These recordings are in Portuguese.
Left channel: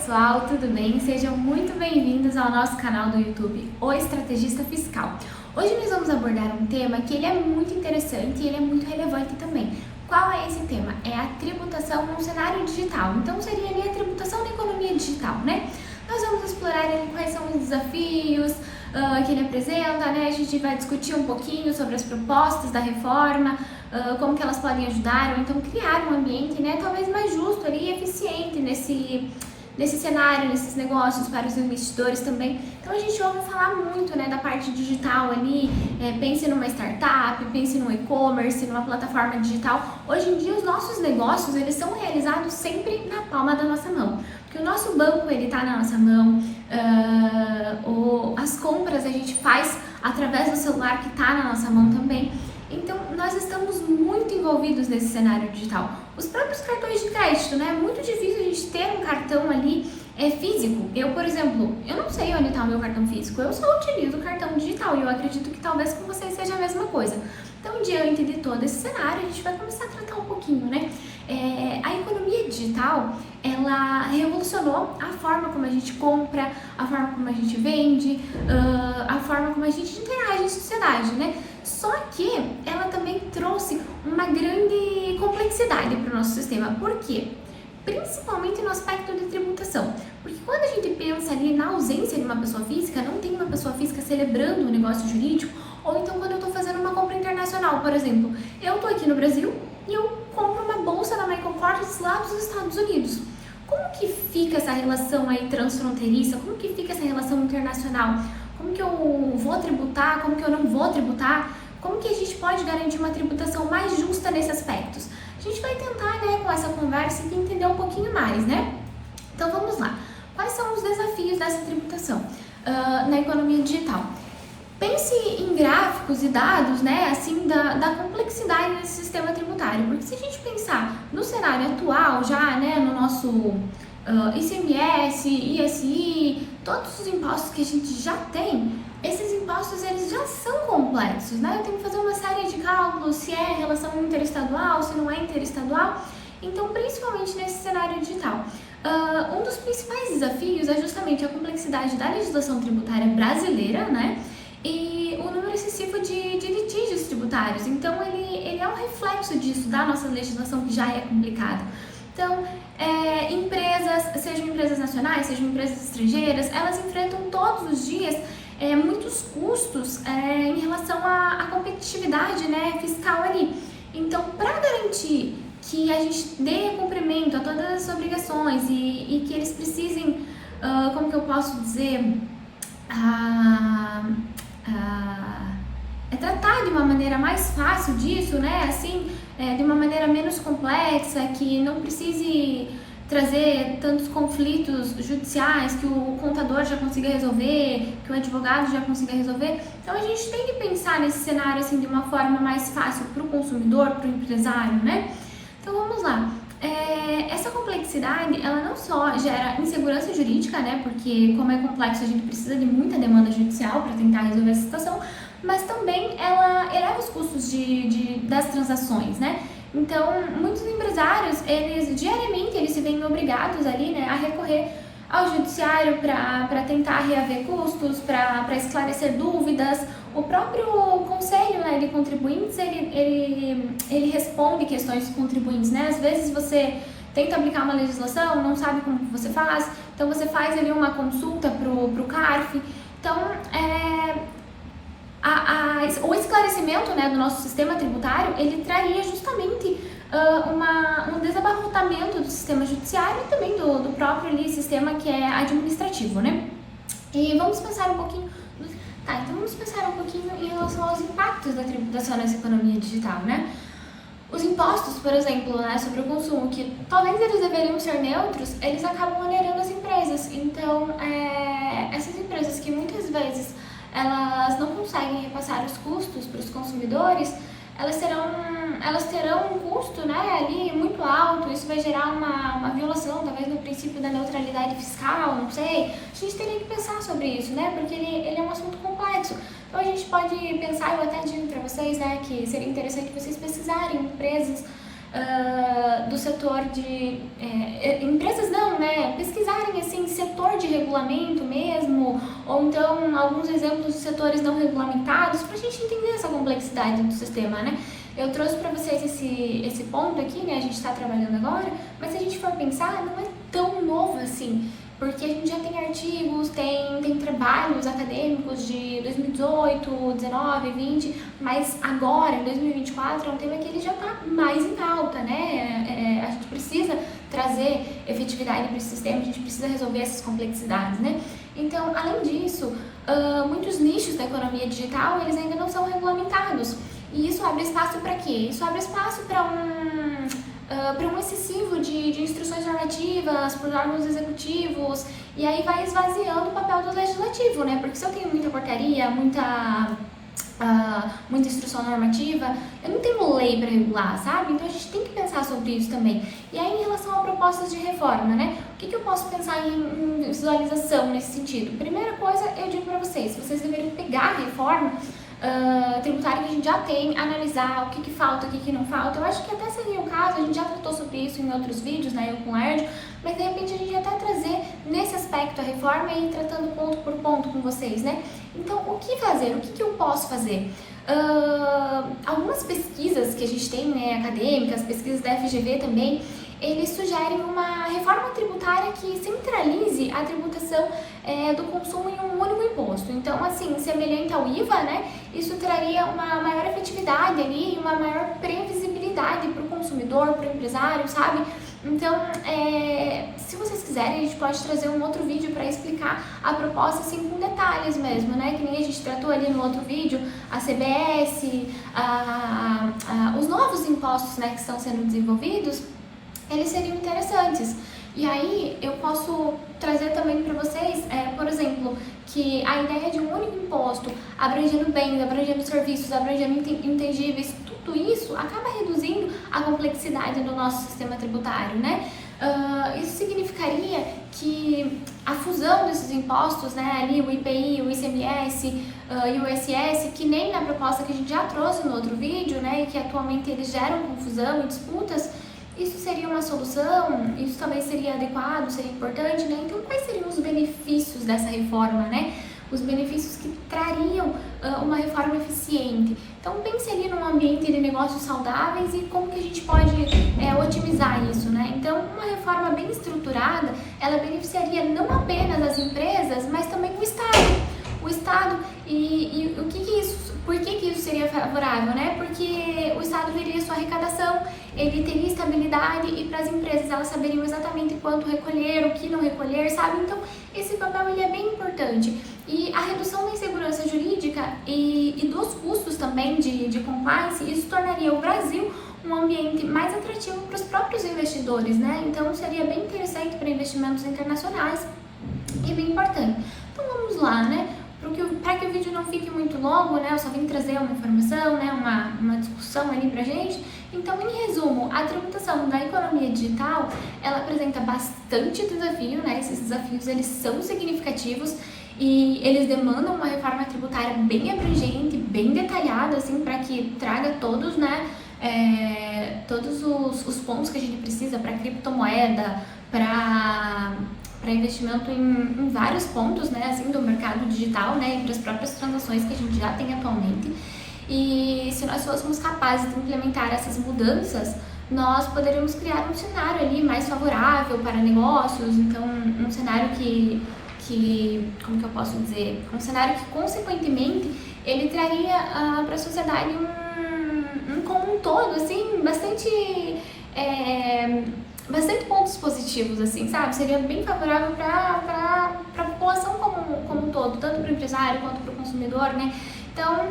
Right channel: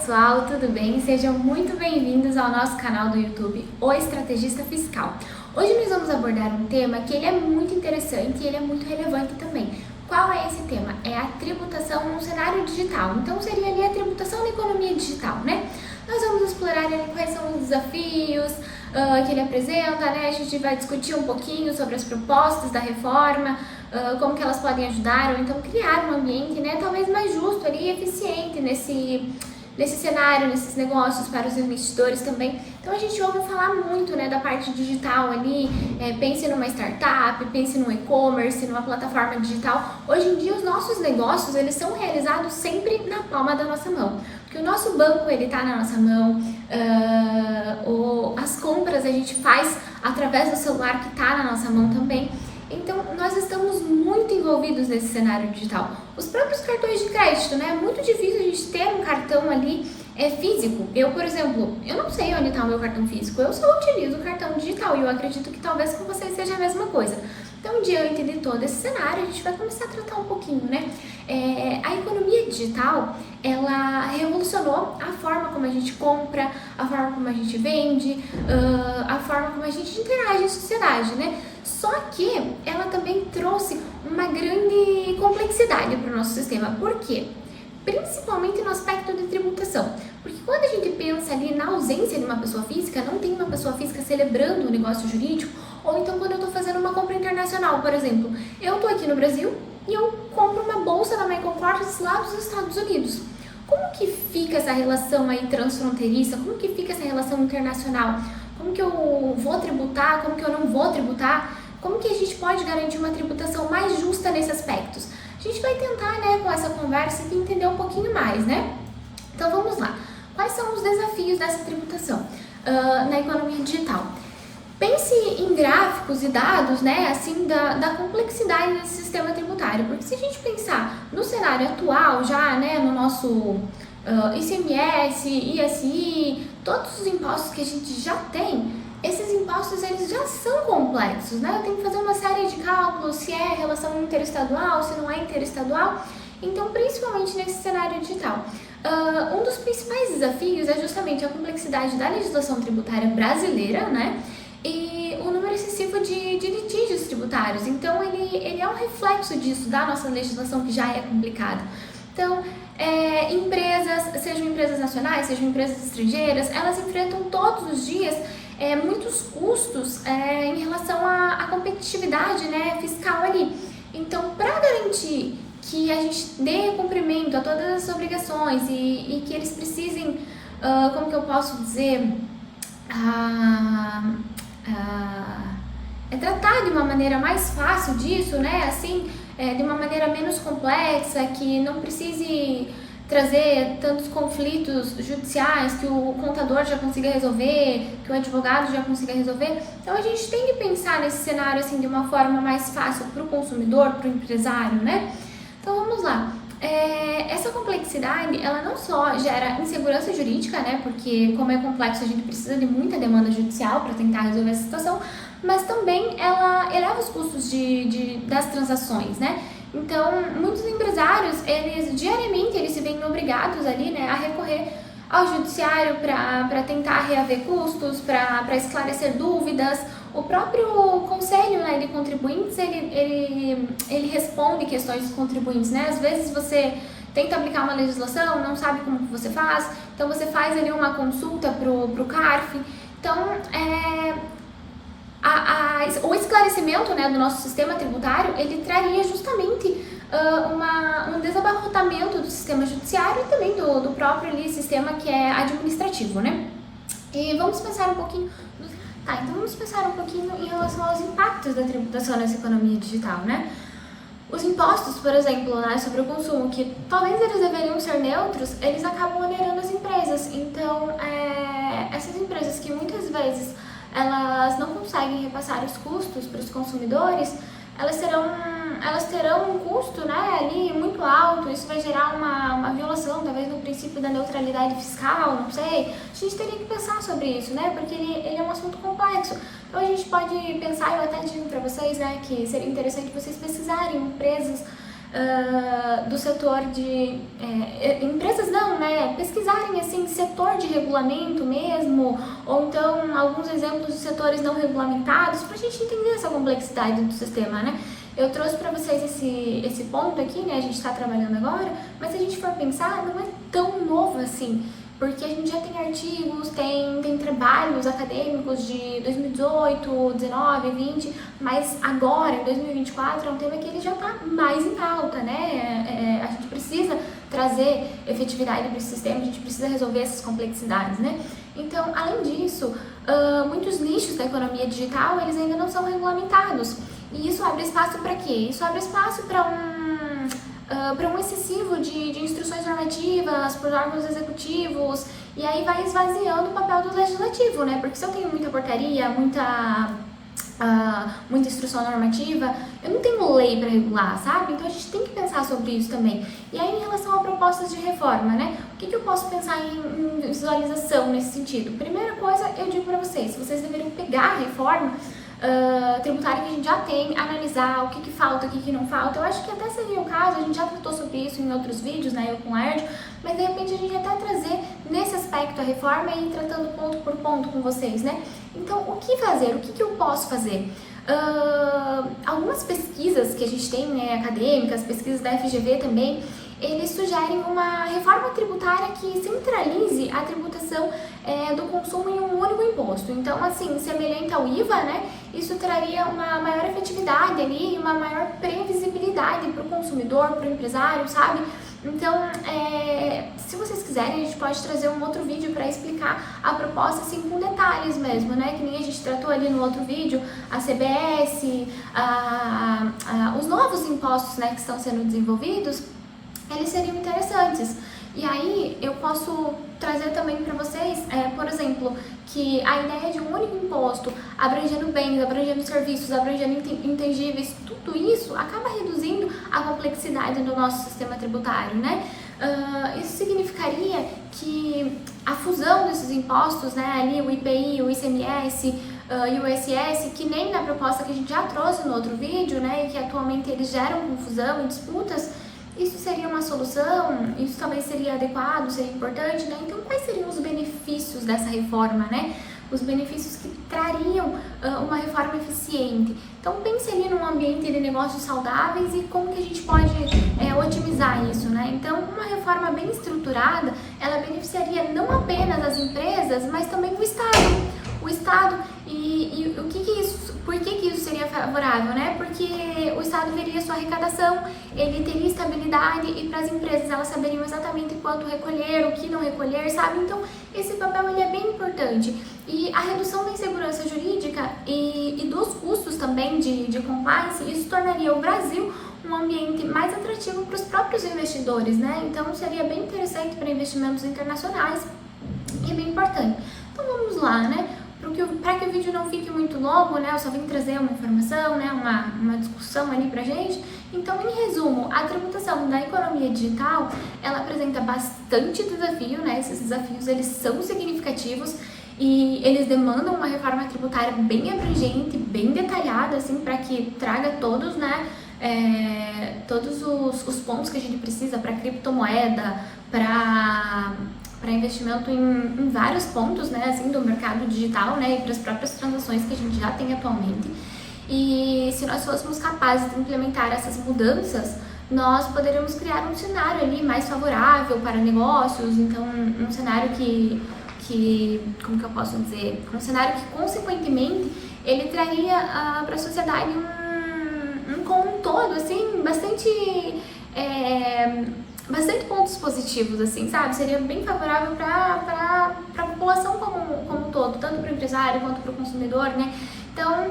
pessoal, tudo bem? Sejam muito bem-vindos ao nosso canal do YouTube, O Estrategista Fiscal. Hoje nós vamos abordar um tema que ele é muito interessante e ele é muito relevante também. Qual é esse tema? É a tributação no cenário digital. Então seria ali a tributação na economia digital, né? Nós vamos explorar ali quais são os desafios que ele apresenta, né? A gente vai discutir um pouquinho sobre as propostas da reforma, como que elas podem ajudar, ou então criar um ambiente, né, talvez mais justo ali e eficiente nesse cenário, nesses negócios para os investidores também. Então a gente ouve falar muito, né, da parte digital ali, pense numa startup, pense no e-commerce, numa plataforma digital. Hoje em dia os nossos negócios, eles são realizados sempre na palma da nossa mão, porque o nosso banco, ele tá na nossa mão, as compras a gente faz através do celular que tá na nossa mão também. Então, nós estamos muito envolvidos nesse cenário digital. Os próprios cartões de crédito, né? É muito difícil a gente ter um cartão ali físico. Eu, por exemplo, eu não sei onde está o meu cartão físico, eu só utilizo o cartão digital e eu acredito que talvez com vocês seja a mesma coisa. Então, diante de todo esse cenário, a gente vai começar a tratar um pouquinho, né? A economia digital, ela revolucionou a forma como a gente compra, a forma como a gente vende, a forma como a gente interage em sociedade, né? Só que ela também trouxe uma grande complexidade para o nosso sistema. Por quê? Principalmente no aspecto de tributação. Porque quando a gente pensa ali na ausência de uma pessoa física, não tem uma pessoa física celebrando um negócio jurídico, ou então quando eu estou fazendo uma compra internacional, por exemplo, eu estou aqui no Brasil e eu compro uma bolsa da Michael Kors lá dos Estados Unidos. Como que fica essa relação aí transfronteiriça? Como que fica essa relação internacional? Como que eu vou tributar? Como que eu não vou tributar? Como que a gente pode garantir uma tributação mais justa nesses aspectos? A gente vai tentar, né, com essa conversa, entender um pouquinho mais, né? Então vamos lá. Quais são os desafios dessa tributação na economia digital? Pense em gráficos e dados, né, assim, da complexidade desse sistema tributário, porque se a gente pensar no cenário atual já, né, no nosso ICMS, ISI, todos os impostos que a gente já tem, esses impostos eles já são complexos, né? Eu tenho que fazer uma série de cálculos, se é relação interestadual, se não é interestadual, então principalmente nesse cenário digital. Um dos principais desafios é justamente a complexidade da legislação tributária brasileira, né? E o número excessivo de litígios tributários, então ele é um reflexo disso, da nossa legislação que já é complicada. Então, empresas, sejam empresas nacionais, sejam empresas estrangeiras, elas enfrentam todos os dias muitos custos em relação à competitividade, né, fiscal ali. Então, para garantir que a gente dê cumprimento a todas as obrigações e que eles precisem, como que eu posso dizer, tratar de uma maneira mais fácil disso, né, assim, de uma maneira menos complexa, que não precise trazer tantos conflitos judiciais, que o contador já consiga resolver, que o advogado já consiga resolver. Então a gente tem que pensar nesse cenário assim de uma forma mais fácil para o consumidor, para o empresário, né? Então vamos lá. Essa complexidade, ela não só gera insegurança jurídica, né? Porque como é complexo, a gente precisa de muita demanda judicial para tentar resolver essa situação, mas também ela eleva os custos das transações, né? Então, muitos empresários, eles diariamente eles se veem obrigados ali, né, a recorrer ao judiciário para tentar reaver custos, para esclarecer dúvidas. O próprio conselho, né, de contribuintes, ele responde questões dos contribuintes, né? Às vezes você tenta aplicar uma legislação, não sabe como que você faz, então você faz ali uma consulta pro CARF. Então, o esclarecimento, né, do nosso sistema tributário, ele traria justamente um desabarrotamento do sistema judiciário e também do próprio ali, sistema que é administrativo, né? E vamos pensar um pouquinho... então vamos pensar um pouquinho em relação aos impactos da tributação nessa economia digital, né? Os impostos, por exemplo, né, sobre o consumo, que talvez eles deveriam ser neutros, eles acabam onerando as empresas. Então, essas empresas que muitas vezes elas não conseguem repassar os custos para os consumidores, elas terão um custo, né, ali muito alto. Isso vai gerar uma violação, talvez, no princípio da neutralidade fiscal, não sei. A gente teria que pensar sobre isso, né, porque ele é um assunto complexo. Então a gente pode pensar, eu até digo para vocês, né, que seria interessante vocês pesquisarem empresas do setor de... empresas não, né? Pesquisarem, assim, setor de regulamento mesmo, ou então alguns exemplos de setores não regulamentados, para a gente entender essa complexidade do sistema, né? Eu trouxe para vocês esse ponto aqui, né? A gente está trabalhando agora, mas se a gente for pensar, não é tão novo assim, porque a gente já tem artigos, tem trabalhos acadêmicos de 2018, 19, 20, mas agora, em 2024, é um tema que ele já está mais em alta, né? A gente precisa trazer efetividade para esse sistema, a gente precisa resolver essas complexidades, né? Então, além disso, muitos nichos da economia digital, eles ainda não são regulamentados. E isso abre espaço para quê? Isso abre espaço para um excessivo de instruções normativas por órgãos executivos, e aí vai esvaziando o papel do legislativo, né? Porque se eu tenho muita portaria, muita instrução normativa, eu não tenho lei para regular, sabe? Então a gente tem que pensar sobre isso também. E aí, em relação a propostas de reforma, né? O que eu posso pensar em visualização nesse sentido? Primeira coisa, eu digo para vocês deveriam pegar a reforma tributária que a gente já tem, analisar o que falta, o que não falta. Eu acho que até seria o caso, a gente já tratou sobre isso em outros vídeos, né, eu com o Lérdio, mas de repente a gente até trazer nesse aspecto a reforma e ir tratando ponto por ponto com vocês, né? Então, o que fazer? O que eu posso fazer? Algumas pesquisas que a gente tem, né, acadêmicas, pesquisas da FGV também, eles sugerem uma reforma tributária que centralize a tributação do consumo em um único imposto. Então, assim, semelhante ao IVA, né, isso traria uma maior efetividade ali, uma maior previsibilidade para o consumidor, para o empresário, sabe? Então, se vocês quiserem, a gente pode trazer um outro vídeo para explicar a proposta, assim, com detalhes mesmo, né? Que nem a gente tratou ali no outro vídeo, a CBS, os novos impostos, né, que estão sendo desenvolvidos, eles seriam interessantes. E aí eu posso trazer também para vocês, por exemplo, que a ideia de um único imposto, abrangendo bens, abrangendo serviços, abrangendo intangíveis, tudo isso acaba reduzindo a complexidade do nosso sistema tributário, né? Isso significaria que a fusão desses impostos, né, ali o IPI, o ICMS e o ISS, que nem na proposta que a gente já trouxe no outro vídeo, né, e que atualmente eles geram confusão e disputas, isso seria uma solução? Isso talvez seria adequado, seria importante, né? Então, quais seriam os benefícios dessa reforma, né? Os benefícios que trariam uma reforma eficiente. Então, pense ali num ambiente de negócios saudáveis e como que a gente pode otimizar isso, né? Então, uma reforma bem estruturada, ela beneficiaria não apenas as empresas, mas também o Estado. O Estado, e o que isso, por que isso seria favorável, né? Porque o Estado veria sua arrecadação, ele teria estabilidade e para as empresas elas saberiam exatamente quanto recolher, o que não recolher, sabe? Então, esse papel ele é bem importante. E a redução da insegurança jurídica e dos custos também de compliance, isso tornaria o Brasil um ambiente mais atrativo para os próprios investidores, né? Então, seria bem interessante para investimentos internacionais e bem importante. Então, vamos lá, né? Para que o vídeo não fique muito longo, né, eu só vim trazer uma informação, né, uma discussão ali pra gente. Então, em resumo, a tributação da economia digital, ela apresenta bastante desafio, né, esses desafios, eles são significativos e eles demandam uma reforma tributária bem abrangente, bem detalhada, assim, para que traga todos, né, todos os pontos que a gente precisa para criptomoeda, para investimento em vários pontos, né, assim, do mercado digital, né, e para as próprias transações que a gente já tem atualmente. E se nós fôssemos capazes de implementar essas mudanças, nós poderíamos criar um cenário ali mais favorável para negócios, então um cenário que como que eu posso dizer, um cenário que consequentemente ele traria para a sociedade como um todo, assim, bastante pontos positivos, assim, sabe? Seria bem favorável para a população como um todo, tanto para o empresário quanto para o consumidor, né? Então,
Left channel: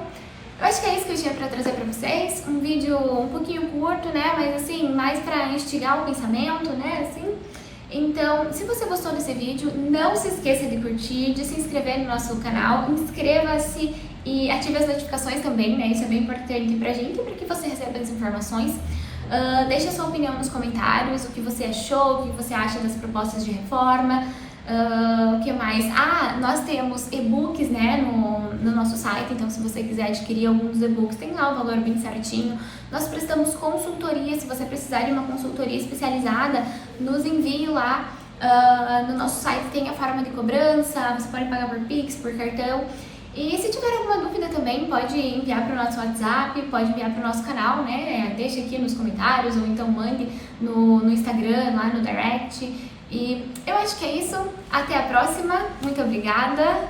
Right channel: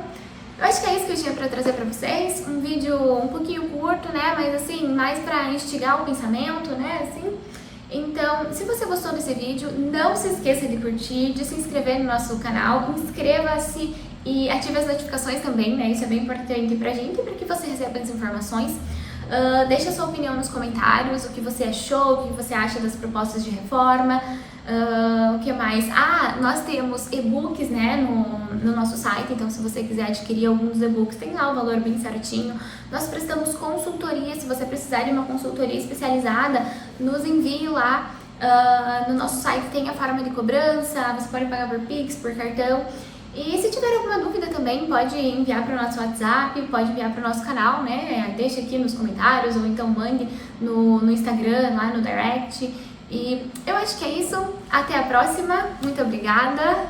eu acho que é isso que eu tinha para trazer para vocês. Um vídeo um pouquinho curto, né? Mas, assim, mais para instigar o pensamento, né? Assim. Então, se você gostou desse vídeo, não se esqueça de curtir, de se inscrever no nosso canal, inscreva-se e ative as notificações também, né? Isso é bem importante pra gente, para que você receba as informações. Deixe a sua opinião nos comentários, o que você achou, o que você acha das propostas de reforma. O que mais? Nós temos e-books, né, no nosso site, então se você quiser adquirir alguns e-books, tem lá o valor bem certinho. Nós prestamos consultoria, se você precisar de uma consultoria especializada, nos envie lá. No nosso site tem a forma de cobrança, você pode pagar por Pix, por cartão. E se tiver alguma dúvida também, pode enviar para o nosso WhatsApp, pode enviar para o nosso canal, né? Deixa aqui nos comentários ou então mande no Instagram, lá no direct. E eu acho que é isso. Até a próxima. Muito obrigada.